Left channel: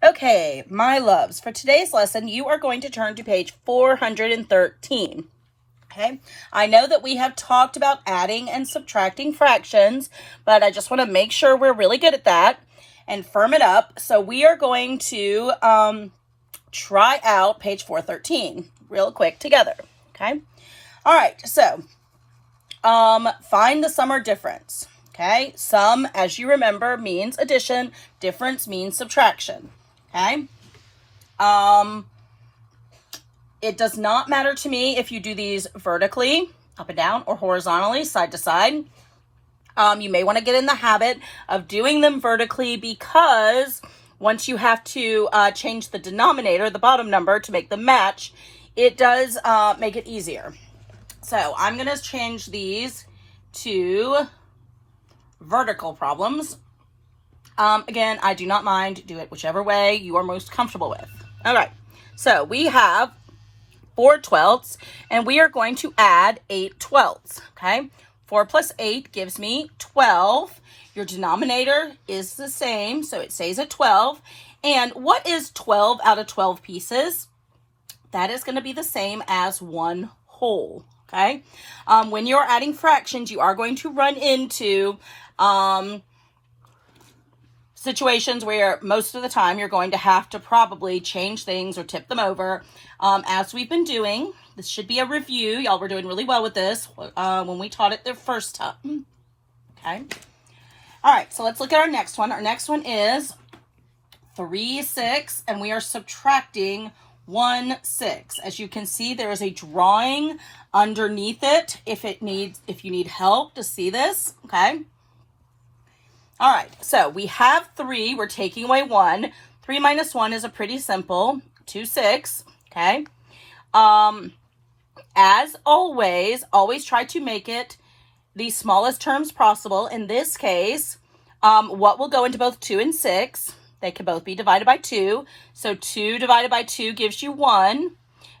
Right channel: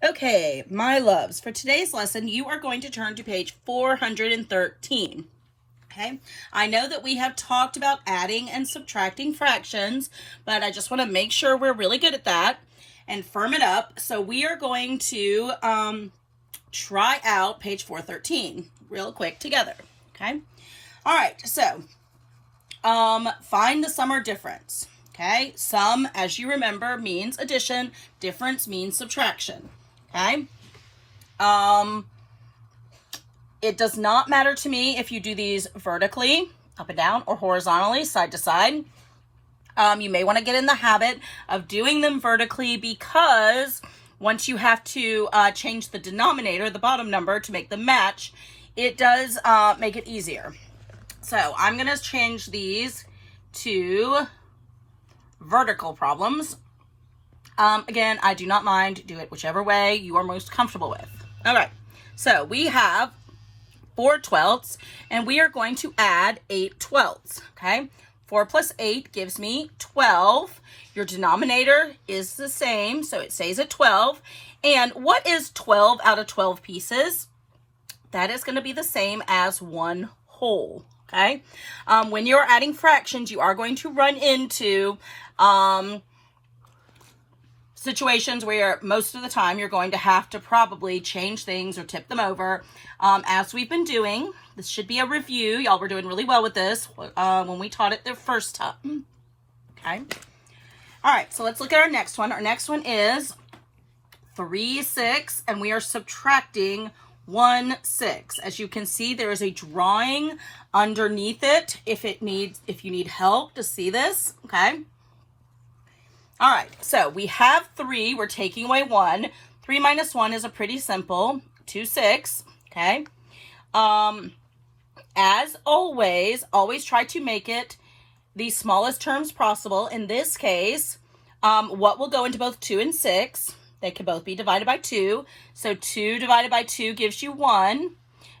Okay, my loves, for today's lesson, you are going to turn to page 413. Okay, I know that we have talked about adding and subtracting fractions, but I just want to make sure we're really good at that and firm it up. So we are going to try out page 413 real quick together. Okay, all right, so find the sum or difference. Okay, sum, as you remember, means addition, difference means subtraction. Okay, it does not matter to me if you do these vertically, up and down, or horizontally, side to side. You may want to get in the habit of doing them vertically because once you have to change the denominator, the bottom number, to make them match, it does make it easier. So I'm going to change these to vertical problems. Again, I do not mind. Do it whichever way you are most comfortable with. All right. So we have 4/12, and we are going to add 8/12. Okay. 4 plus 8 gives me 12. Your denominator is the same, so it stays at 12. And what is 12 out of 12 pieces? That is going to be the same as one whole. Okay. When you're adding fractions, you are going to run into situations where most of the time you're going to have to probably change things or tip them over. As we've been doing, this should be a review. Y'all were doing really well with this when we taught it the first time. Okay. All right, so let's look at our next one. Our next one is 3/6, and we are subtracting 1/6. As you can see, there is a drawing underneath it if you need help to see this. Okay. All right, so we have 3. We're taking away 1. 3 minus 1 is a pretty simple 2/6. Okay. As always try to make it the smallest terms possible. In this case, what will go into both 2 and 6? They can both be divided by 2. So 2 divided by 2 gives you 1,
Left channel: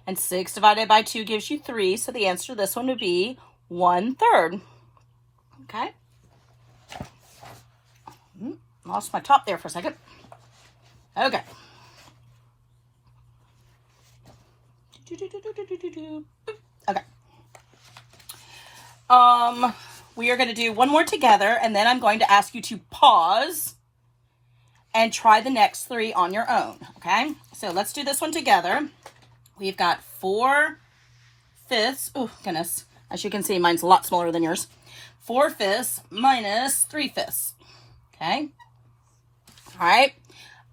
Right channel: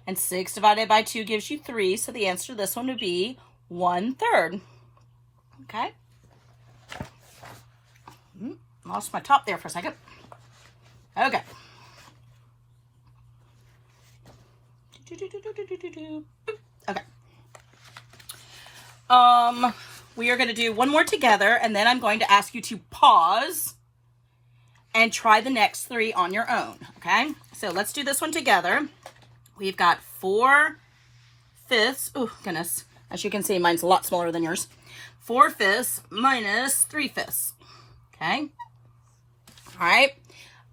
and 6 divided by 2 gives you 3. So the answer to this one would be 1/3. Okay. Lost my top there for a second. Okay. Okay. We are going to do one more together, and then I'm going to ask you to pause and try the next 3 on your own. Okay. So let's do this one together. We've got 4/5. Oh, goodness. As you can see, mine's a lot smaller than yours. 4/5 minus 3/5. Okay. All right.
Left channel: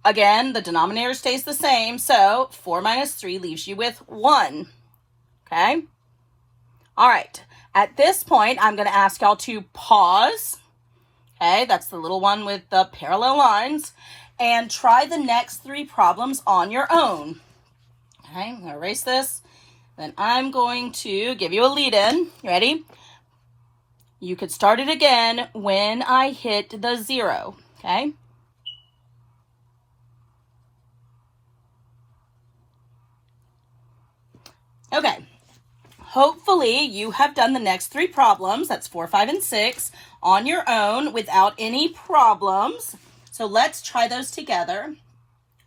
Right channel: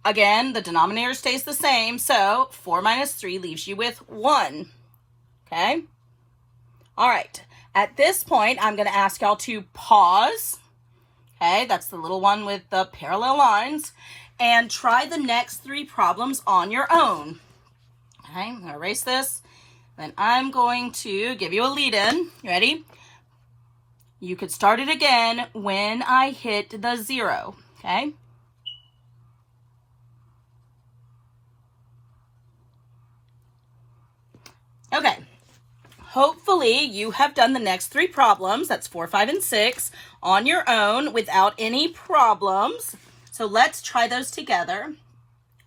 Again, the denominator stays the same. So 4 minus 3 leaves you with 1. Okay. All right. At this point, I'm going to ask y'all to pause. Okay. That's the little one with the parallel lines. And try the next 3 problems on your own. Okay. I'm going to erase this. Then I'm going to give you a lead in. Ready? You could start it again when I hit the 0. Okay. Okay. Hopefully you have done the next 3 problems. That's 4, 5, and 6 on your own without any problems. So let's try those together.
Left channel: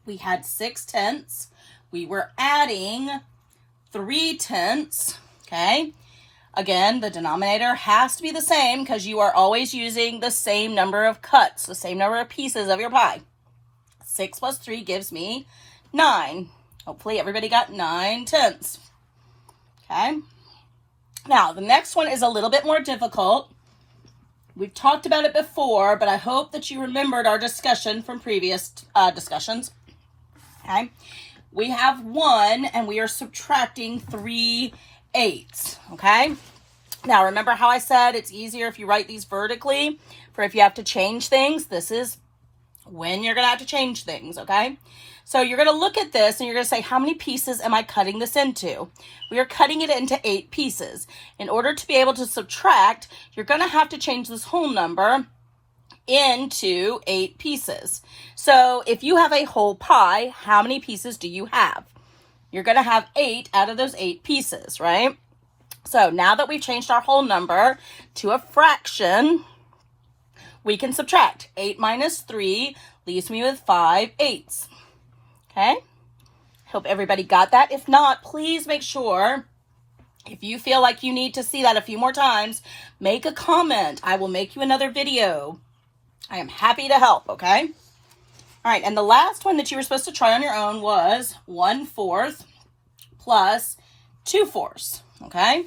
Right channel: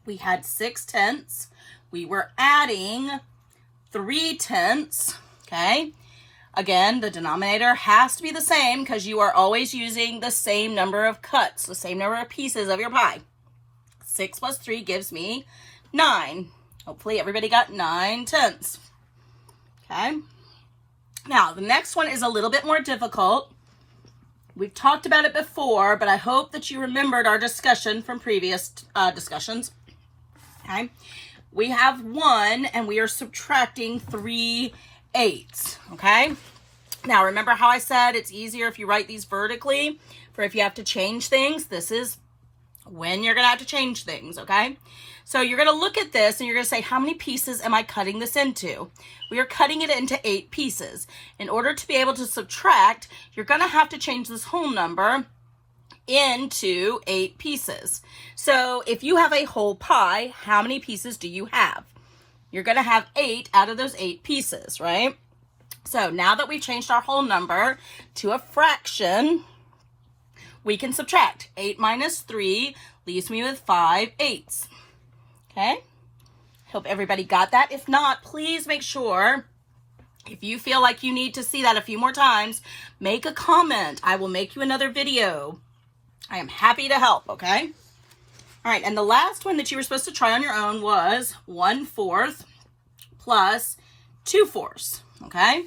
We had 6/10. We were adding 3/10. Okay. Again, the denominator has to be the same because you are always using the same number of cuts, the same number of pieces of your pie. 6 plus 3 gives me 9. Hopefully everybody got 9/10. Okay. Now, the next one is a little bit more difficult. We've talked about it before, but I hope that you remembered our discussion from previous discussions. Okay. We have 1, and we are subtracting 3/8. Okay. Now, remember how I said it's easier if you write these vertically for if you have to change things. This is when you're going to have to change things. Okay. So you're going to look at this and you're going to say, how many pieces am I cutting this into? We are cutting it into 8 pieces. In order to be able to subtract, you're going to have to change this whole number into 8 pieces. So if you have a whole pie, how many pieces do you have? You're going to have 8 out of those 8 pieces, right? So now that we've changed our whole number to a fraction, we can subtract. 8 minus 3 leaves me with 5/8. Okay. Hope everybody got that. If not, please make sure, if you feel like you need to see that a few more times, make a comment. I will make you another video. I am happy to help, okay? All right, and the last one that you were supposed to try on your own was 1/4 plus 2/4, okay?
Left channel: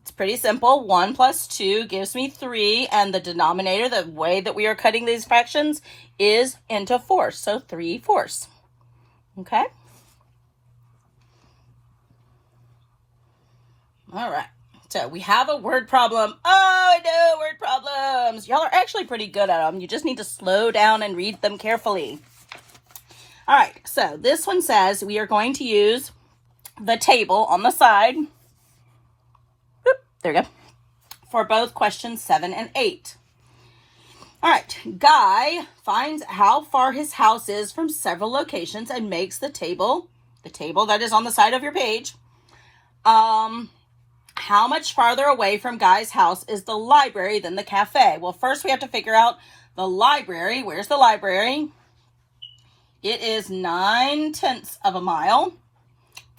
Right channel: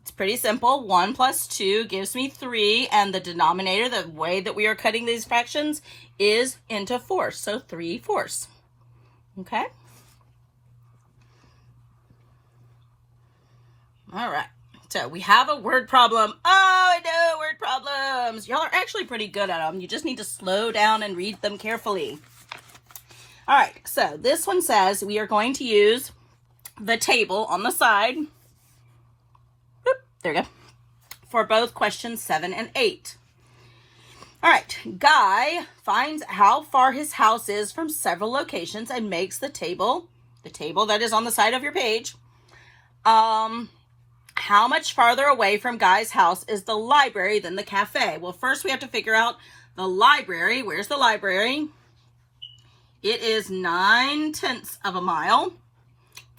It's pretty simple. 1 plus 2 gives me 3, and the denominator, the way that we are cutting these fractions, is into fourths, so 3/4, okay? All right, so we have a word problem. Oh, I know, word problems. Y'all are actually pretty good at them. You just need to slow down and read them carefully. All right, so this one says we are going to use the table on the side. Oop, there we go. For both questions 7 and 8. All right, Guy finds how far his house is from several locations and makes the table that is on the side of your page. How much farther away from Guy's house is the library than the cafe? Well, first we have to figure out the library. Where's the library? It is 9/10 of a mile.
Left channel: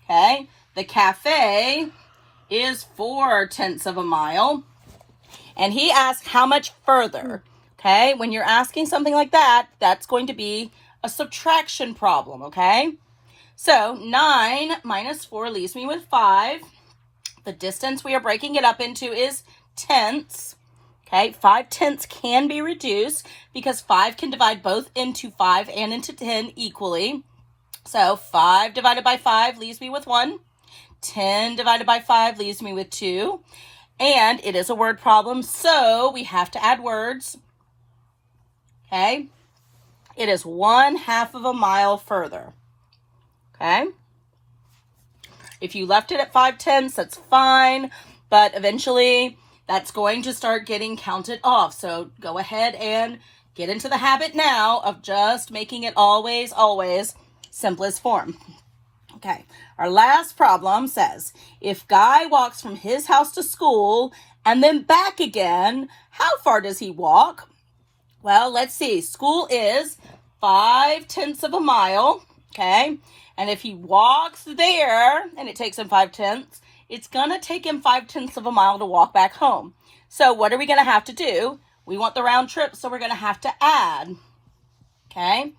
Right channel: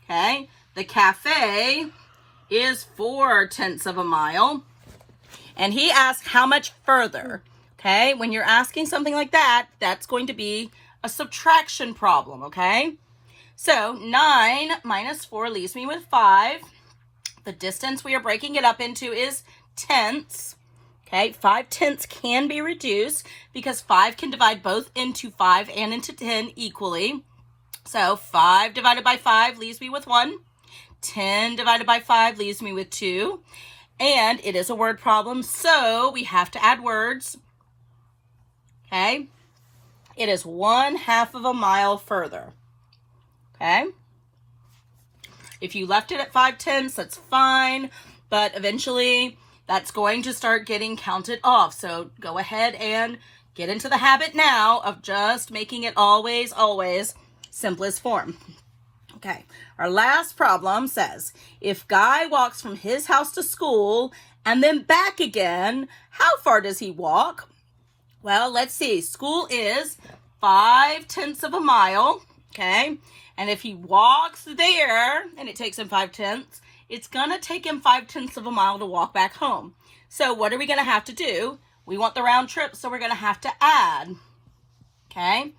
Okay. The cafe is 4/10 of a mile. And he asked how much further. Okay. When you're asking something like that, that's going to be a subtraction problem. Okay. So 9 minus 4 leaves me with 5. The distance we are breaking it up into is tenths. Okay, 5/10 can be reduced because 5 can divide both into 5 and into 10 equally. So 5 divided by 5 leaves me with 1. 10 divided by 5 leaves me with 2. And it is a word problem, so we have to add words. Okay, it is 1/2 of a mile further. Okay. If you left it at 5/10, that's fine, but eventually that's going to start getting counted off. So go ahead and get into the habit now of just making it always, always simplest form. Okay, our last problem says, if Guy walks from his house to school and then back again, how far does he walk? Well, let's see. School is 5/10 of a mile, okay? And if he walks there and it takes him 5/10, it's going to take him 5/10 of a mile to walk back home. So what are we going to have to do? We want the round trip, so we're going to have to add. Okay.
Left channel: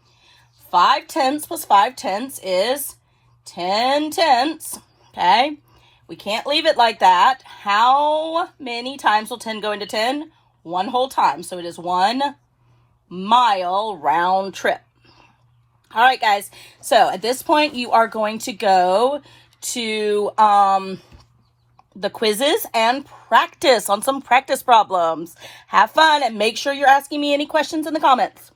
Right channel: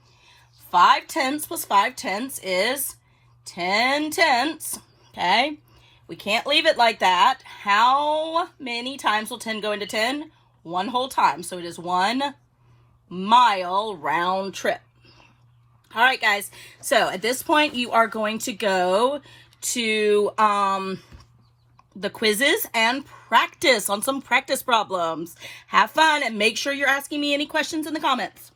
5/10 plus 5/10 is 10/10. Okay. We can't leave it like that. How many times will 10 go into 10? One whole time. So it is 1 mile round trip. All right, guys. So at this point, you are going to go to the quizzes and practice on some practice problems. Have fun and make sure you're asking me any questions in the comments.